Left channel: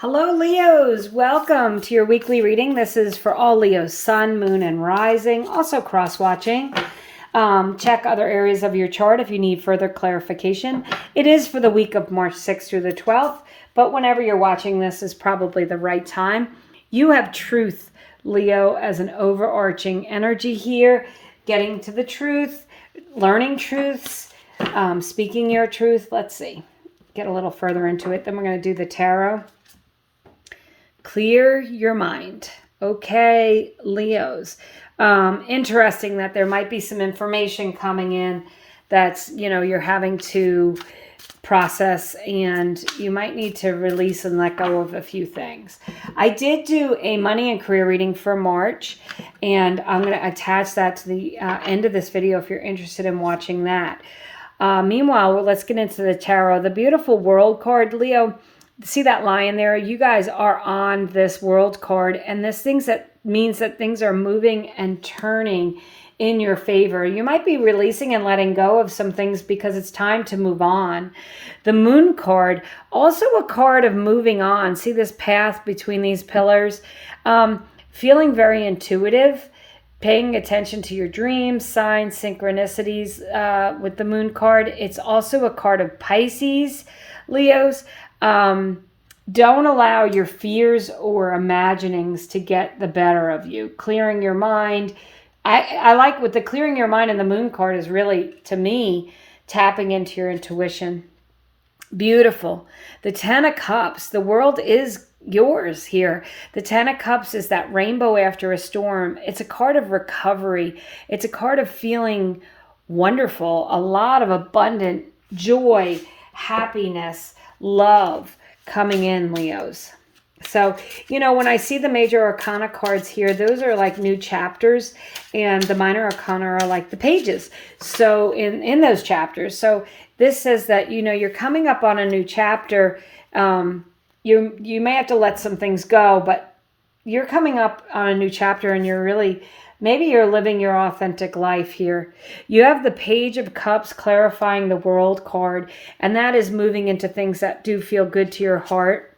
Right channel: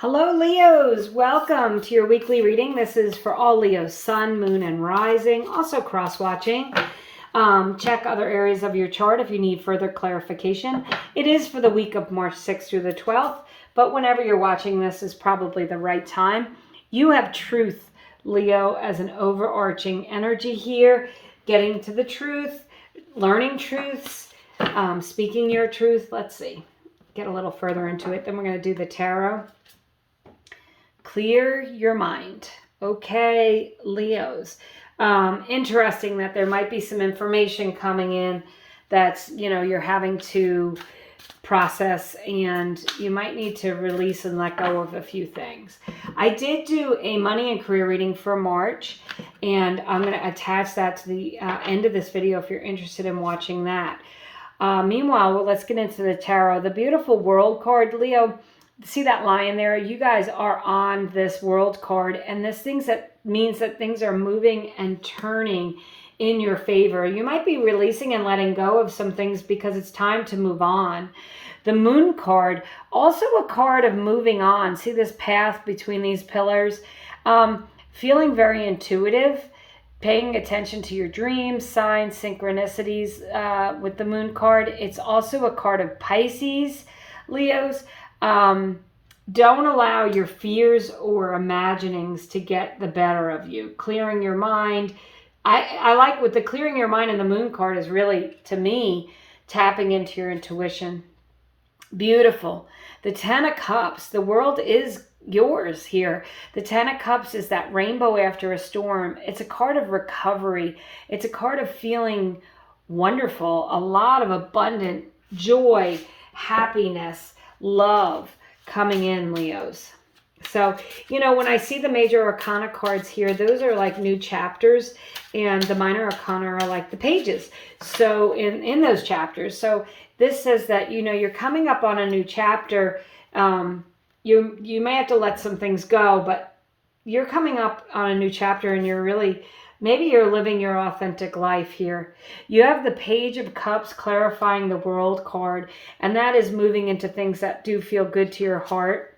Hello, Leos. Welcome to your weekly reading. This is for all Leos, sun, moon, and rising. Also cross-watching. Check other areas of your chart if you need further clarification. It is for the week of March 6th through the 12th, but whenever you're watching this is probably the right time. You have truth, Leo, as an overarching energy here, getting to the truth, learning truths, speaking your truth. Let's see. Get a little further into it. Then we're going to do the tarot. Clear your mind. Okay, Leos. Interesting that there might be some information coming in that's, you're having to process, and you might need to release and let go of a few things. I did do a money and career reading for March, and I'm going to attach that to the end of this video if you're interested in watching that. Meanwhile, let's get into the tarot. The beautiful World card, Leo. See that lion there? You guys are on this World card, and this means that things are moving and turning in your favor. You might be releasing and letting go of some things because it's time to move on. The Moon card, also a card of moving on. See this path between these pillars? Feeling very intuitive, paying attention to your dreams, signs, synchronicities with the Moon card. It's also a card of Pisces, Leos. Don't allow your fears or imaginings to get the better of you. Clearing your mind. I like with the clearing your mind and the Moon card is really, to me, tapping into your intuition. Beautiful. The Ten of Cups. The world is yours here. The Ten of Cups is that rainbow after a storm. It's a card of recovery. It's a card of feeling wonderful. A lot of abundant joy, happiness, love coming in, Leos. So, when I see the major arcana cards here, those are like new chapters, and the minor arcana are like the pages. So in those chapters. So this says that, you're coming up on a new chapter. You may have to let some things go, but you're coming up on a new chapter, and maybe you're living your authentic life here. You have the Page of Cups clarifying the World card, and that is moving into things that do feel good to your heart.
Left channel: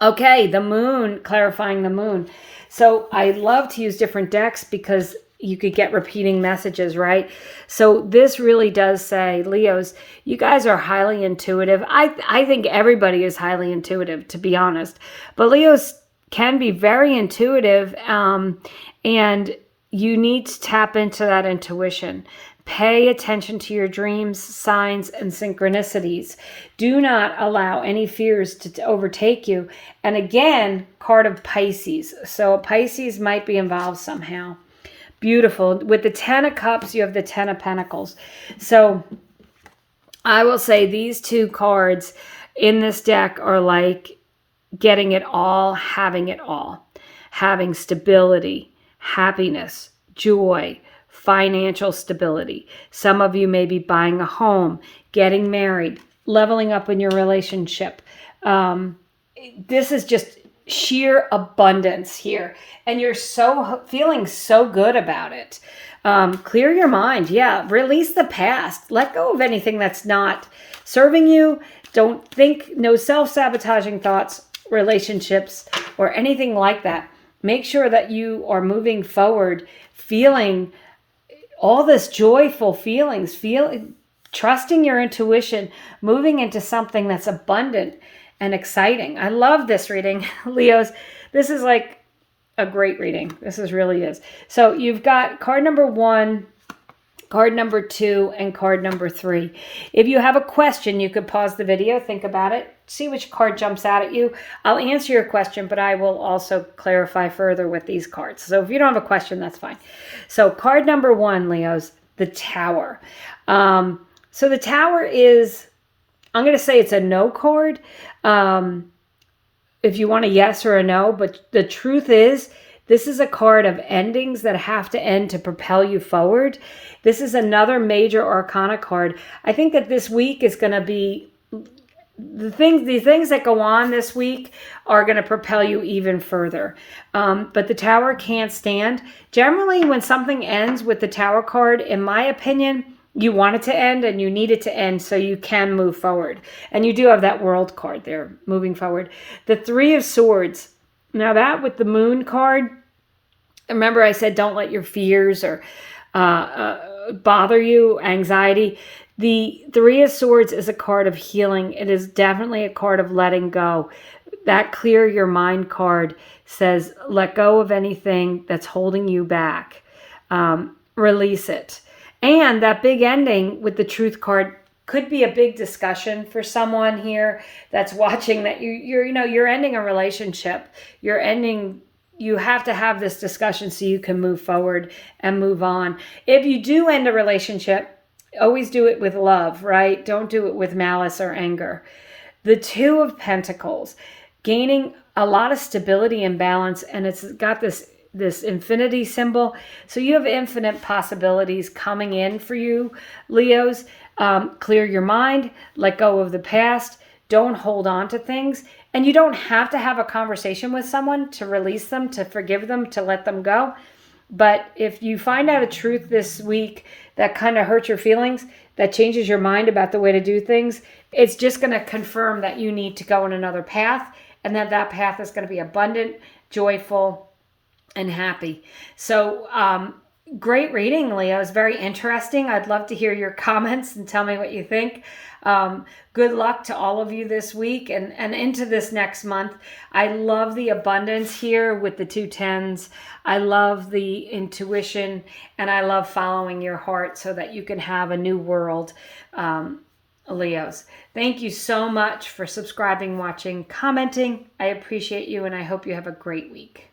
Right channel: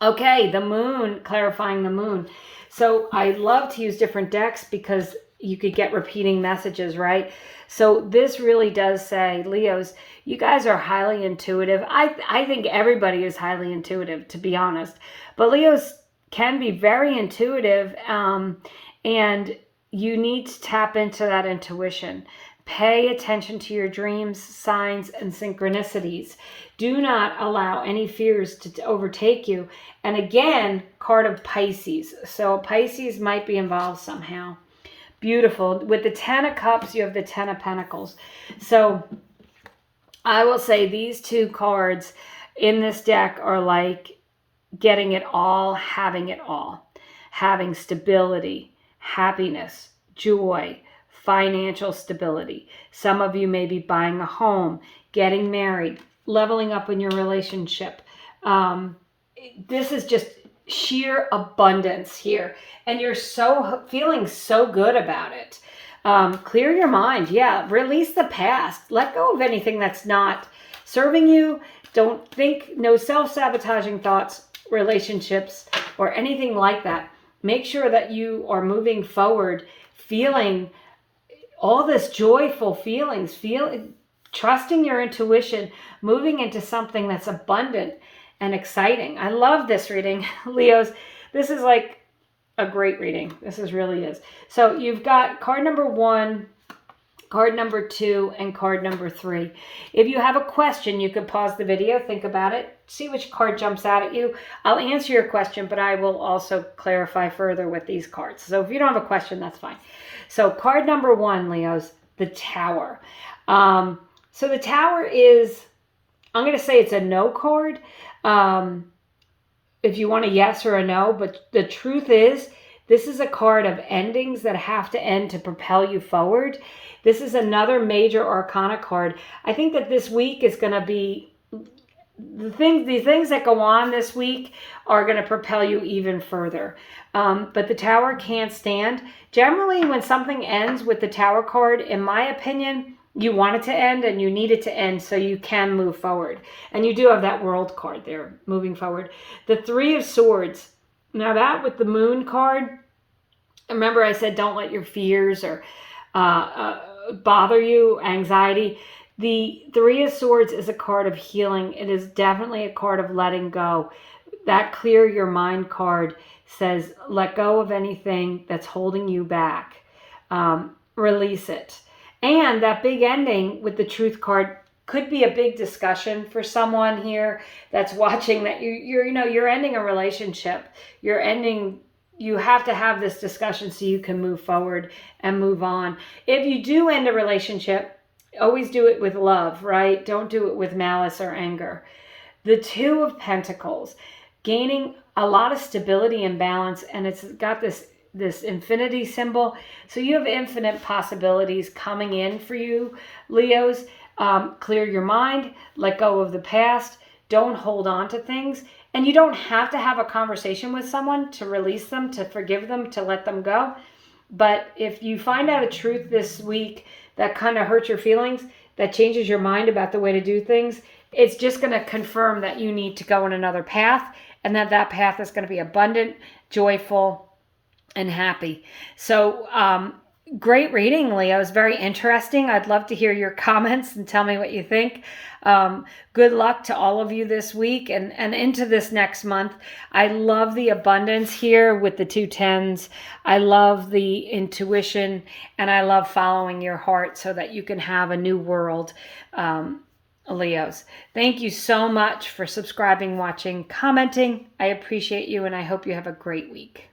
Okay, the Moon, clarifying the Moon. So I love to use different decks because you could get repeating messages, right? So this really does say, Leos, you guys are highly intuitive. I think everybody is highly intuitive, to be honest. But Leos can be very intuitive, and you need to tap into that intuition. Pay attention to your dreams, signs, and synchronicities. Do not allow any fears to overtake you. And again, card of Pisces. So Pisces might be involved somehow. Beautiful. With the Ten of Cups, you have the Ten of Pentacles. So I will say these two cards in this deck are like getting it all, having it all. Having stability, happiness, joy, financial stability. Some of you may be buying a home, getting married, leveling up in your relationship. This is just sheer abundance here. And you're feeling so good about it. Clear your mind. Yeah. Release the past. Let go of anything that's not serving you. Don't think, no self-sabotaging thoughts, relationships, or anything like that. Make sure that you are moving forward, feeling all this joyful feelings, trusting your intuition, moving into something that's abundant and exciting. I love this reading, Leos. This is like a great reading. Really is. So you've got card number 1, card number 2, and card number 3. If you have a question, you could pause the video, think about it, see which card jumps out at you. I'll answer your question, but I will also clarify further with these cards. So if you don't have a question, that's fine. So card number 1, Leos, the Tower. So the Tower is, I'm going to say it's a no card. If you want a yes or a no, but the truth is, this is a card of endings that have to end to propel you forward. This is another major arcana card. I think that this week is going to be, the things that go on this week are going to propel you even further. But the Tower can't stand. Generally, when something ends with the Tower card, in my opinion, you want it to end and you need it to end so you can move forward. And you do have that World card there, moving forward. The Three of Swords. Now that with the Moon card, remember I said don't let your fears or bother you, anxiety. The Three of Swords is a card of healing. It is definitely a card of letting go. That Clear Your Mind card says let go of anything that's holding you back. Release it. And that big ending with the Truth card could be a big discussion for someone here that's watching, that you're ending a relationship. You have to have this discussion so you can move forward and move on. If you do end a relationship, always do it with love, right? Don't do it with malice or anger. The Two of Pentacles, gaining a lot of stability and balance, and it's got this infinity symbol. So you have infinite possibilities coming in for you, Leos. Clear your mind, let go of the past, don't hold on to things. And you don't have to have a conversation with someone to release them, to forgive them, to let them go. But if you find out a truth this week that kind of hurts your feelings, that changes your mind about the way to do things, it's just going to confirm that you need to go in another path, and that path is going to be abundant, joyful, and happy. So great reading, Leo. It's very interesting. I'd love to hear your comments and tell me what you think. Good luck to all of you this week and into this next month. I love the abundance here with the 2 tens. I love the intuition, and I love following your heart so that you can have a new world. Leos, thank you so much for subscribing, watching, commenting. I appreciate you, and I hope you have a great week.